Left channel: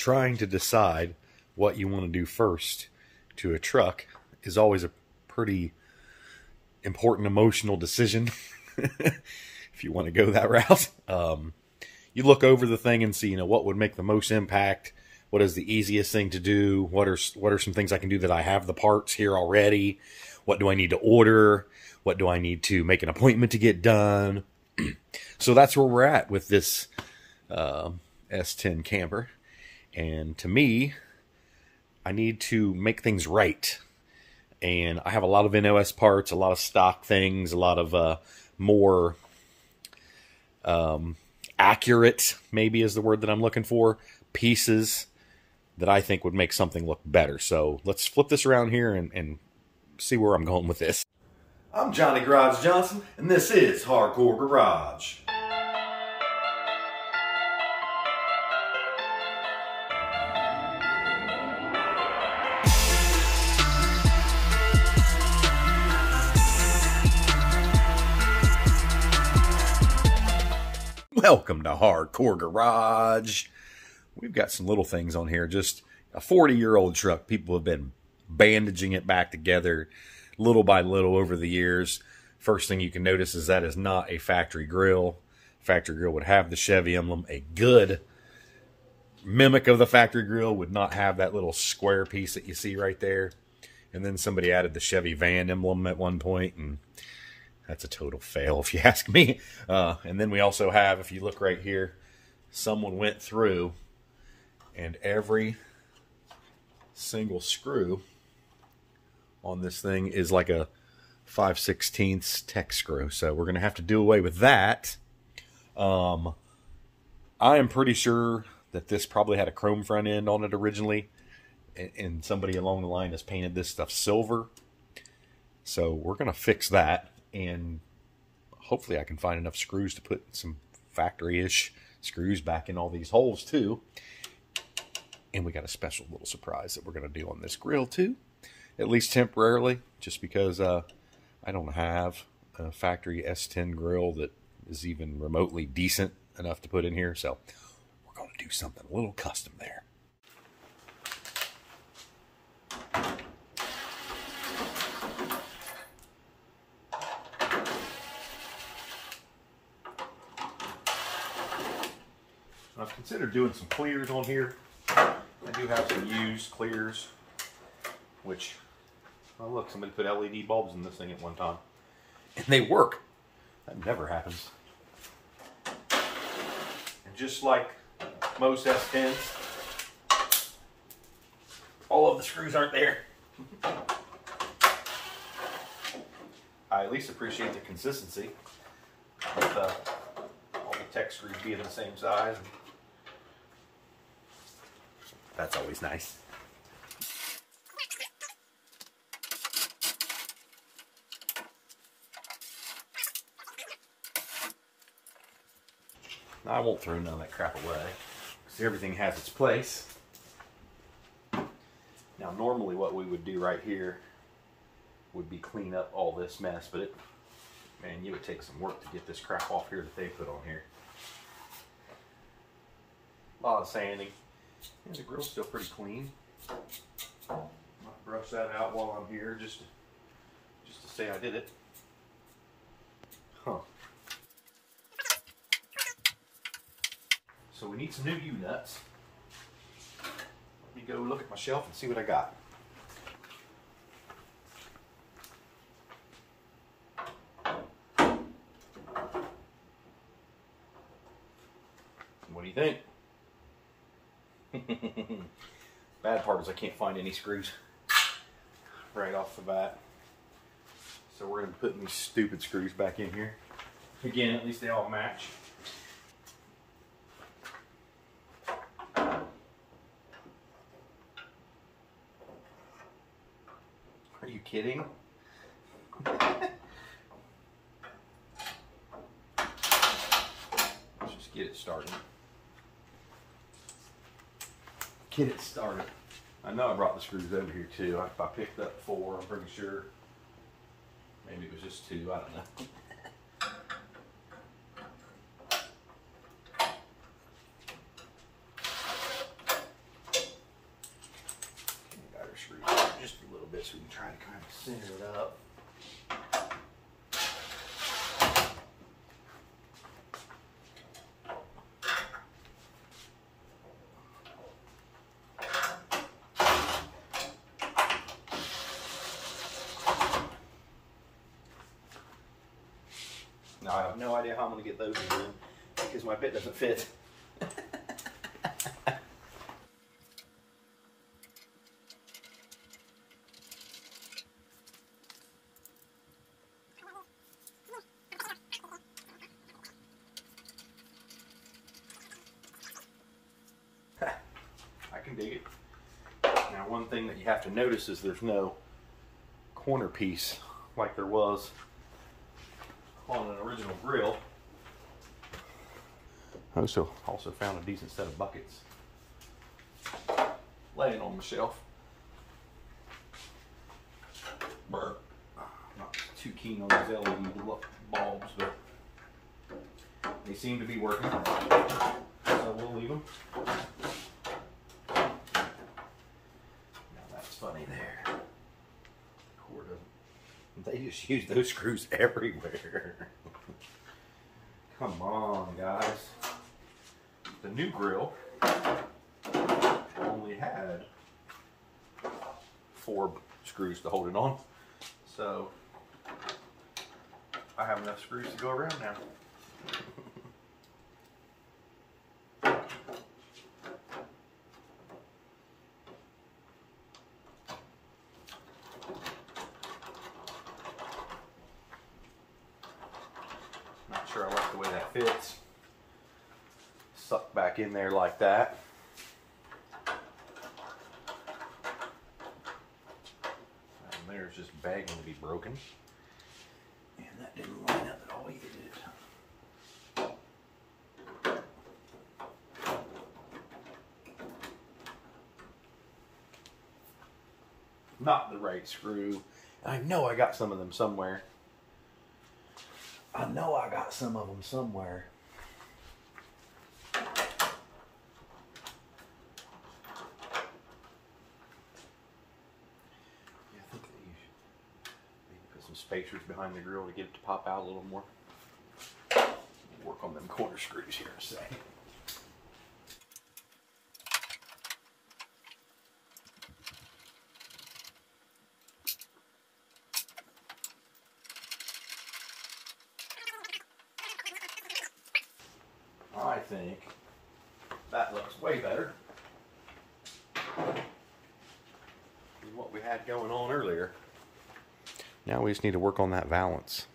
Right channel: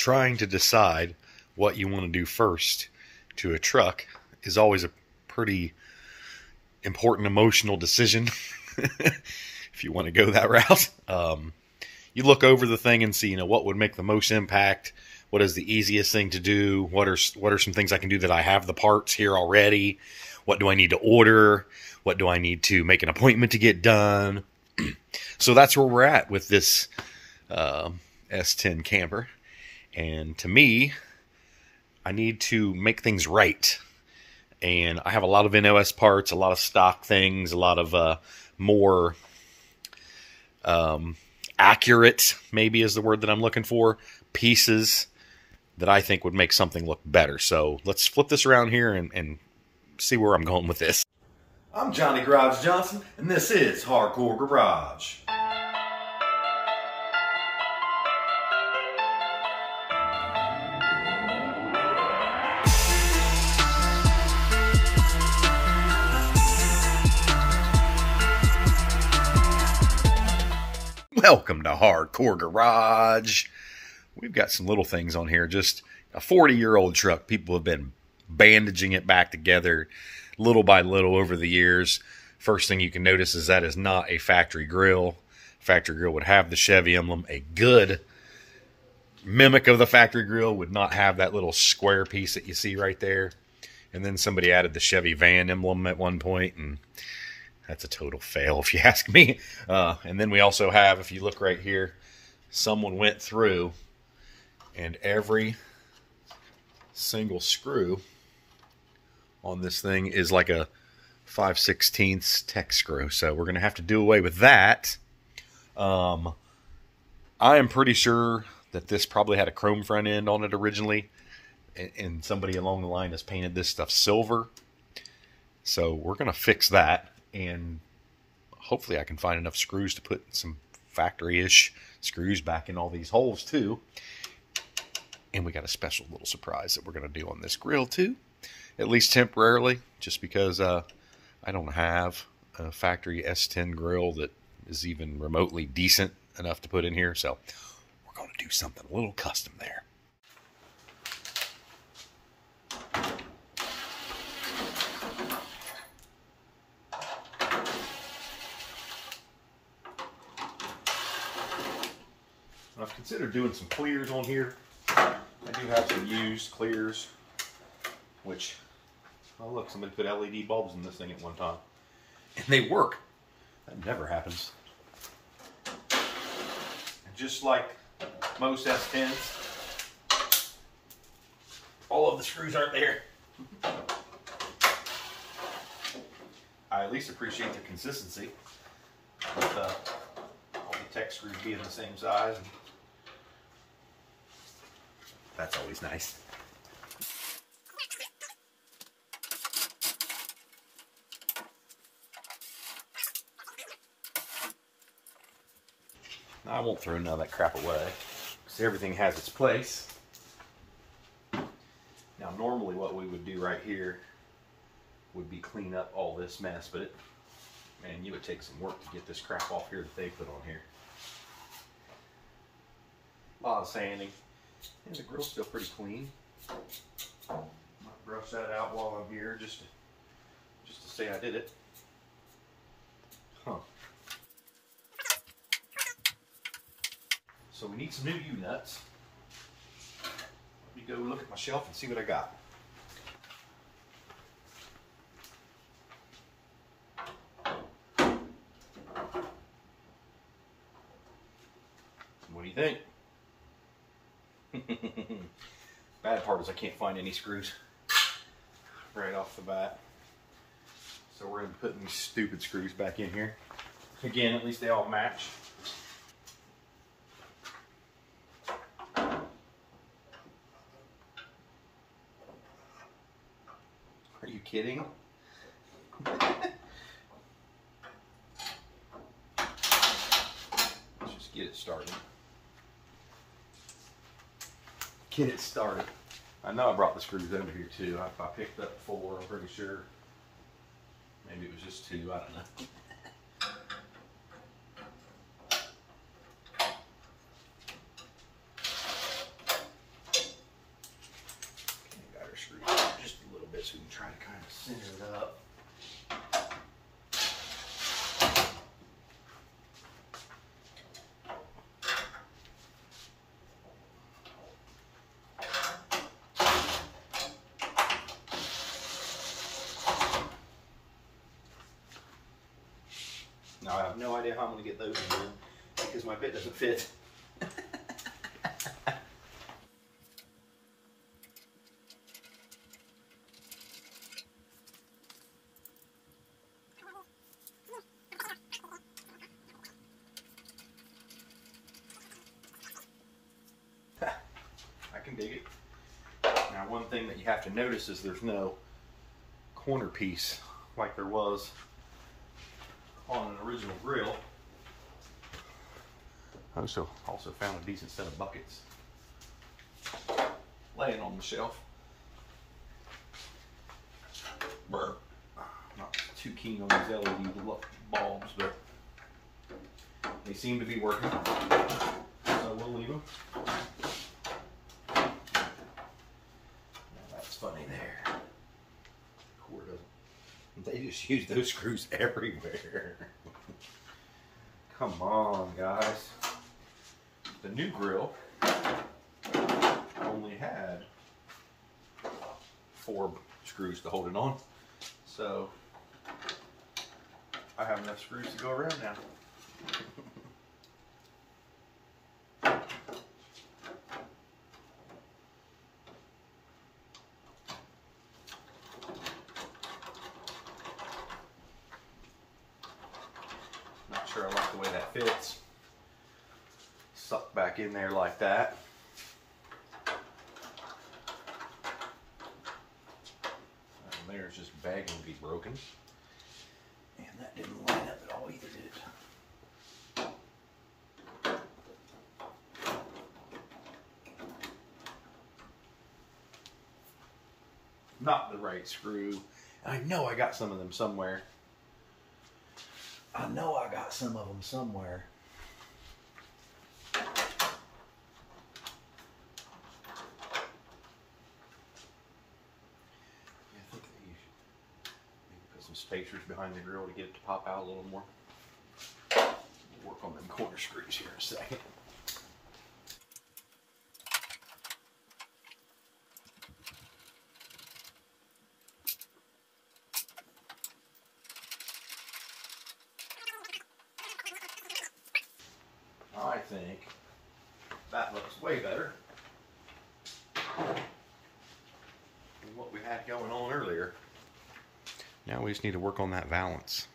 trying to decide what you want to do first to a truck is always a pretty important emotional decision. If you want to go that route, you look over the thing and see, what would make the most impact. What is the easiest thing to do? What are some things I can do that I have the parts here already? What do I need to order? What do I need to make an appointment to get done? So that's where we're at with this S10 camper. And to me, I need to make things right. And I have a lot of NOS parts, a lot of stock things, a lot of more accurate, maybe is the word that I'm looking for, pieces that I think would make something look better. So let's flip this around here and see where I'm going with this. I'm Johnny Garage Johnson, and this is Hardcore Garage. Welcome to Hardcore Garage. We've got some little things on here. Just a 40-year-old truck. People have been bandaging it back together little by little over the years. First thing you can notice is that is not a factory grill. Factory grill would have the Chevy emblem. A good mimic of the factory grill would not have that little square piece that you see right there. And then somebody added the Chevy van emblem at one point, and that's a total fail if you ask me. And then we also have, if you look right here, someone went through and every single screw on this thing is like a 5/16 tech screw. So we're going to have to do away with that. I am pretty sure that this probably had a chrome front end on it originally. And somebody along the line has painted this stuff silver. So we're going to fix that. And hopefully I can find enough screws to put some factory-ish screws back in all these holes too. And we got a special little surprise that we're going to do on this grill too, at least temporarily, just because I don't have a factory S10 grill that is even remotely decent enough to put in here. So we're going to do something a little custom there. I've considered doing some clears on here. I do have some used clears, which, oh look, somebody put LED bulbs in this thing at one time. And they work. That never happens. And just like most S10s, all of the screws aren't there. I at least appreciate the consistency with all the tech screws being the same size. That's always nice. I won't throw none of that crap away. See, everything has its place. Now, normally what we would do right here would be clean up all this mess, but man, you would take some work to get this crap off here that they put on here. A lot of sanding. And the grill's still pretty clean. I'll brush that out while I'm here just to say I did it. Huh. So we need some new U-nuts. Let me go look at my shelf and see what I got. What do you think? Bad part is I can't find any screws right off the bat. So we're going to put these stupid screws back in here. Again, at least they all match. Are you kidding? Let's just get it started. Get it started. I know I brought the screws over here too. I picked up 4, I'm pretty sure. Maybe it was just 2, I don't know. center it up. Now I have no idea how I'm going to get those in here because my bit doesn't fit. I can dig it. Now one thing that you have to notice is there's no corner piece like there was on an original grill. Also found a decent set of buckets laying on the shelf. Burr. Not too keen on these LED bulbs, but they seem to be working, so we'll leave them. Now that's funny there. The cord doesn't. They just use those screws everywhere. Come on, guys. The new grill only had 4 screws to hold it on, so I have enough screws to go around now. Not sure I like the way that fits. Suck back in there like that. And there's just begging to be broken. And that didn't line up at all either, did it? Not the right screw. And I know I got some of them somewhere. I know I got some of them somewhere. Spacers behind the grill to get it to pop out a little more. We'll work on them corner screws here in a second. I think that looks way better than what we had going on earlier. Now we just need to work on that valance.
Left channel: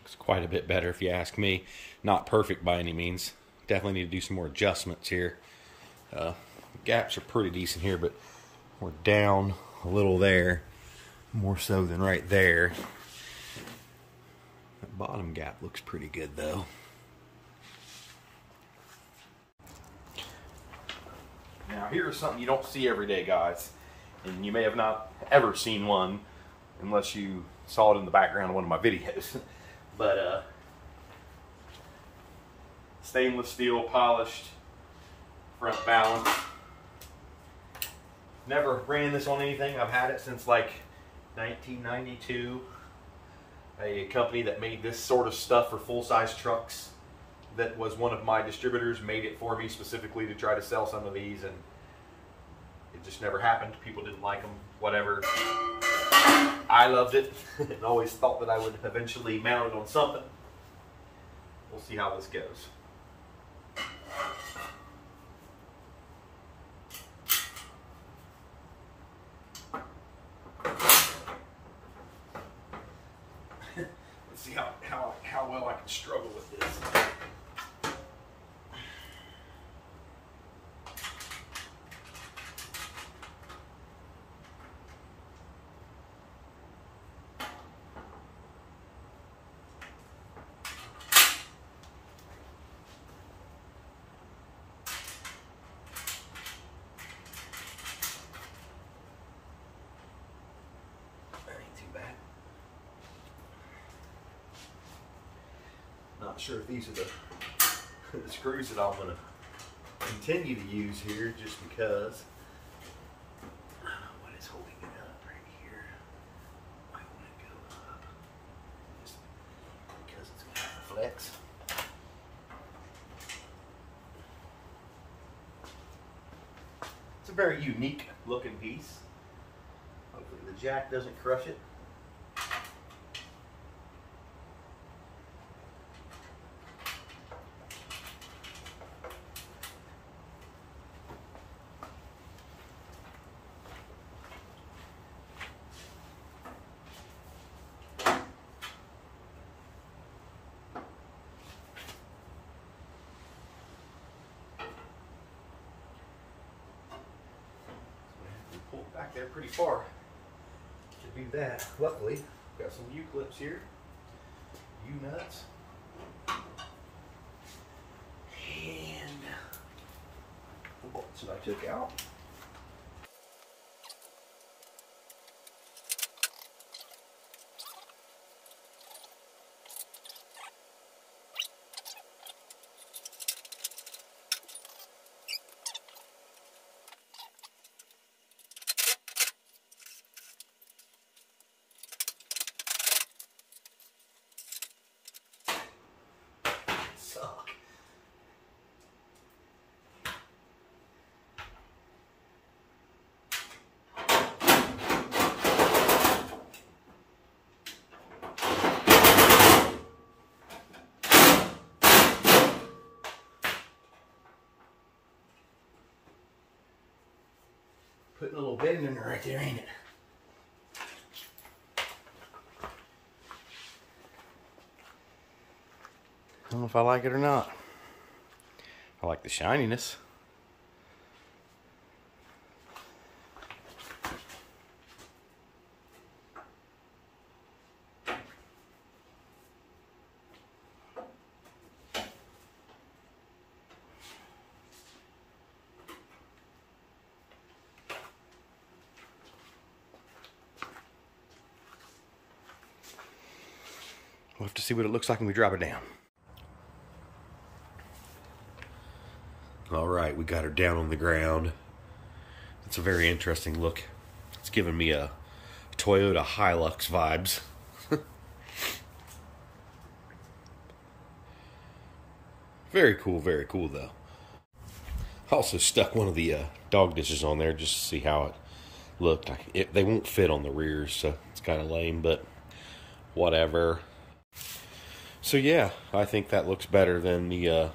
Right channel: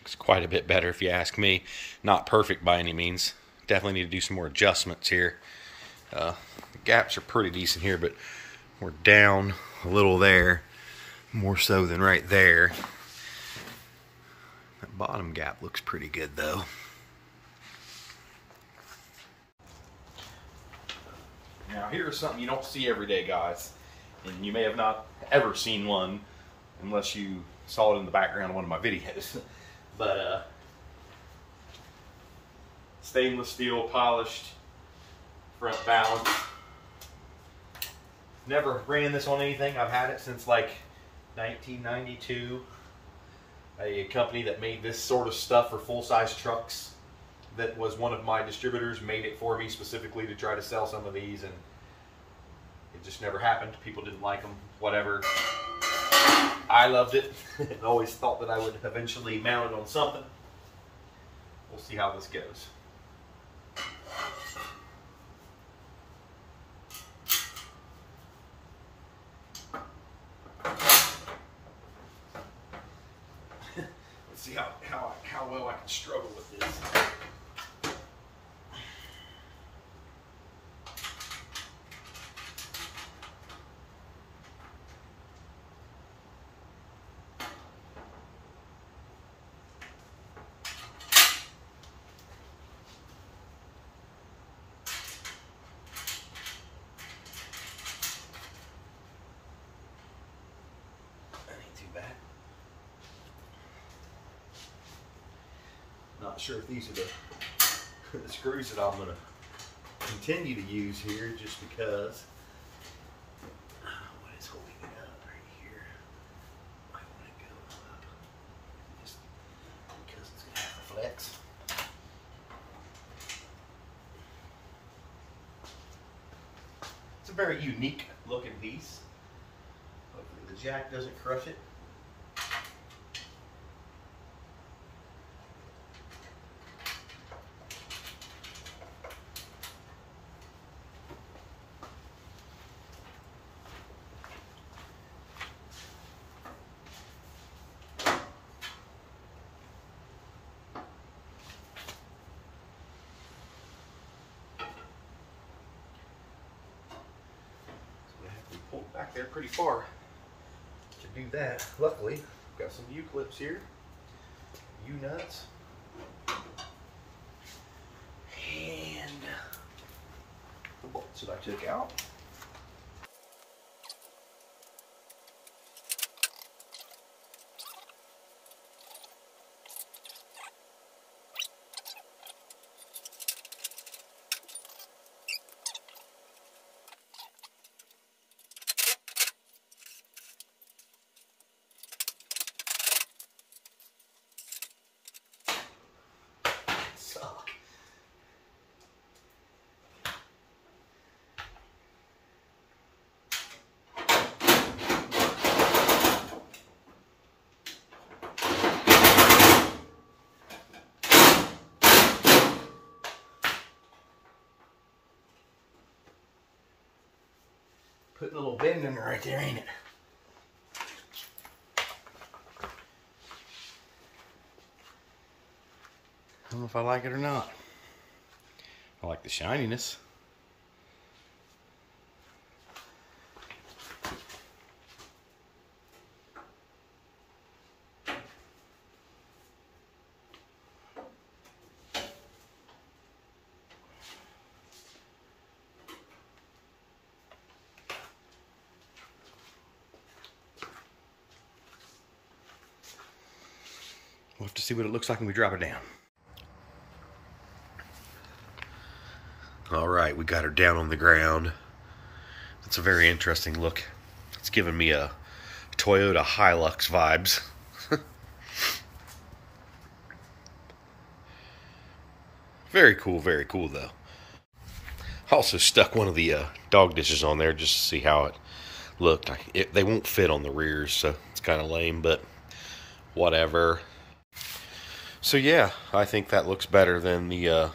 Looks quite a bit better if you ask me. Not perfect by any means. Definitely need to do some more adjustments here. The gaps are pretty decent here, but we're down a little there. More so than right there. That bottom gap looks pretty good though. Now here's something you don't see every day, guys. And you may have not ever seen one unless you saw it in the background of one of my videos. But stainless steel polished front valance. Never ran this on anything. I've had it since like 1992. A company that made this sort of stuff for full-size trucks, that was one of my distributors, made it for me specifically to try to sell some of these, and it just never happened. People didn't like them, whatever. I loved it and always thought that I would eventually mount it on something. We'll see how this goes. Let's see how well I can struggle with this. Not sure if these are the screws that I'm going to continue to use here, just because what is holding it up right here? very unique looking piece. Hopefully the jack doesn't crush it. Pulled back there pretty far to do that. Luckily, I've got some U-clips here, U-nuts, and the bolts that I took out. Putting a little bend in it right there, ain't it? I don't know if I like it or not. I like the shininess. We'll have to see what it looks like when we drop it down. All right, we got her down on the ground. It's a very interesting look. It's giving me a Toyota Hilux vibes. Very cool though. I also stuck one of the dog dishes on there just to see how it looked. They won't fit on the rears, so it's kind of lame, but whatever. So yeah, I think that looks better than the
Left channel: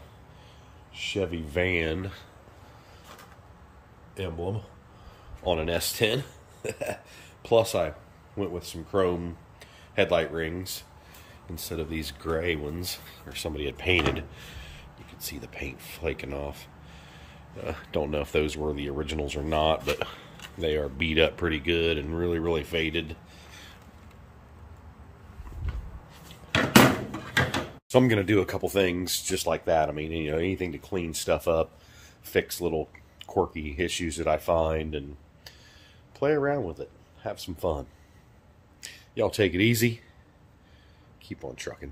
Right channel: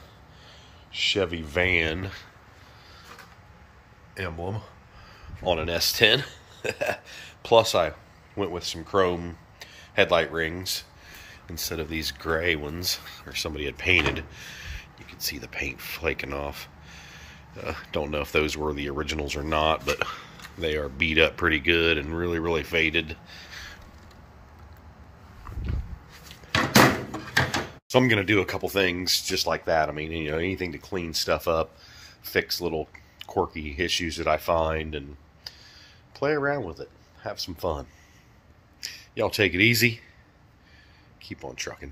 Chevy van emblem on an S10. Plus I went with some chrome headlight rings instead of these gray ones, or somebody had painted. You can see the paint flaking off. Don't know if those were the originals or not, but they are beat up pretty good and really faded. So I'm going to do a couple things just like that. I mean, you know, anything to clean stuff up, fix little quirky issues that I find, and play around with it. Have some fun. Y'all take it easy. Keep on trucking.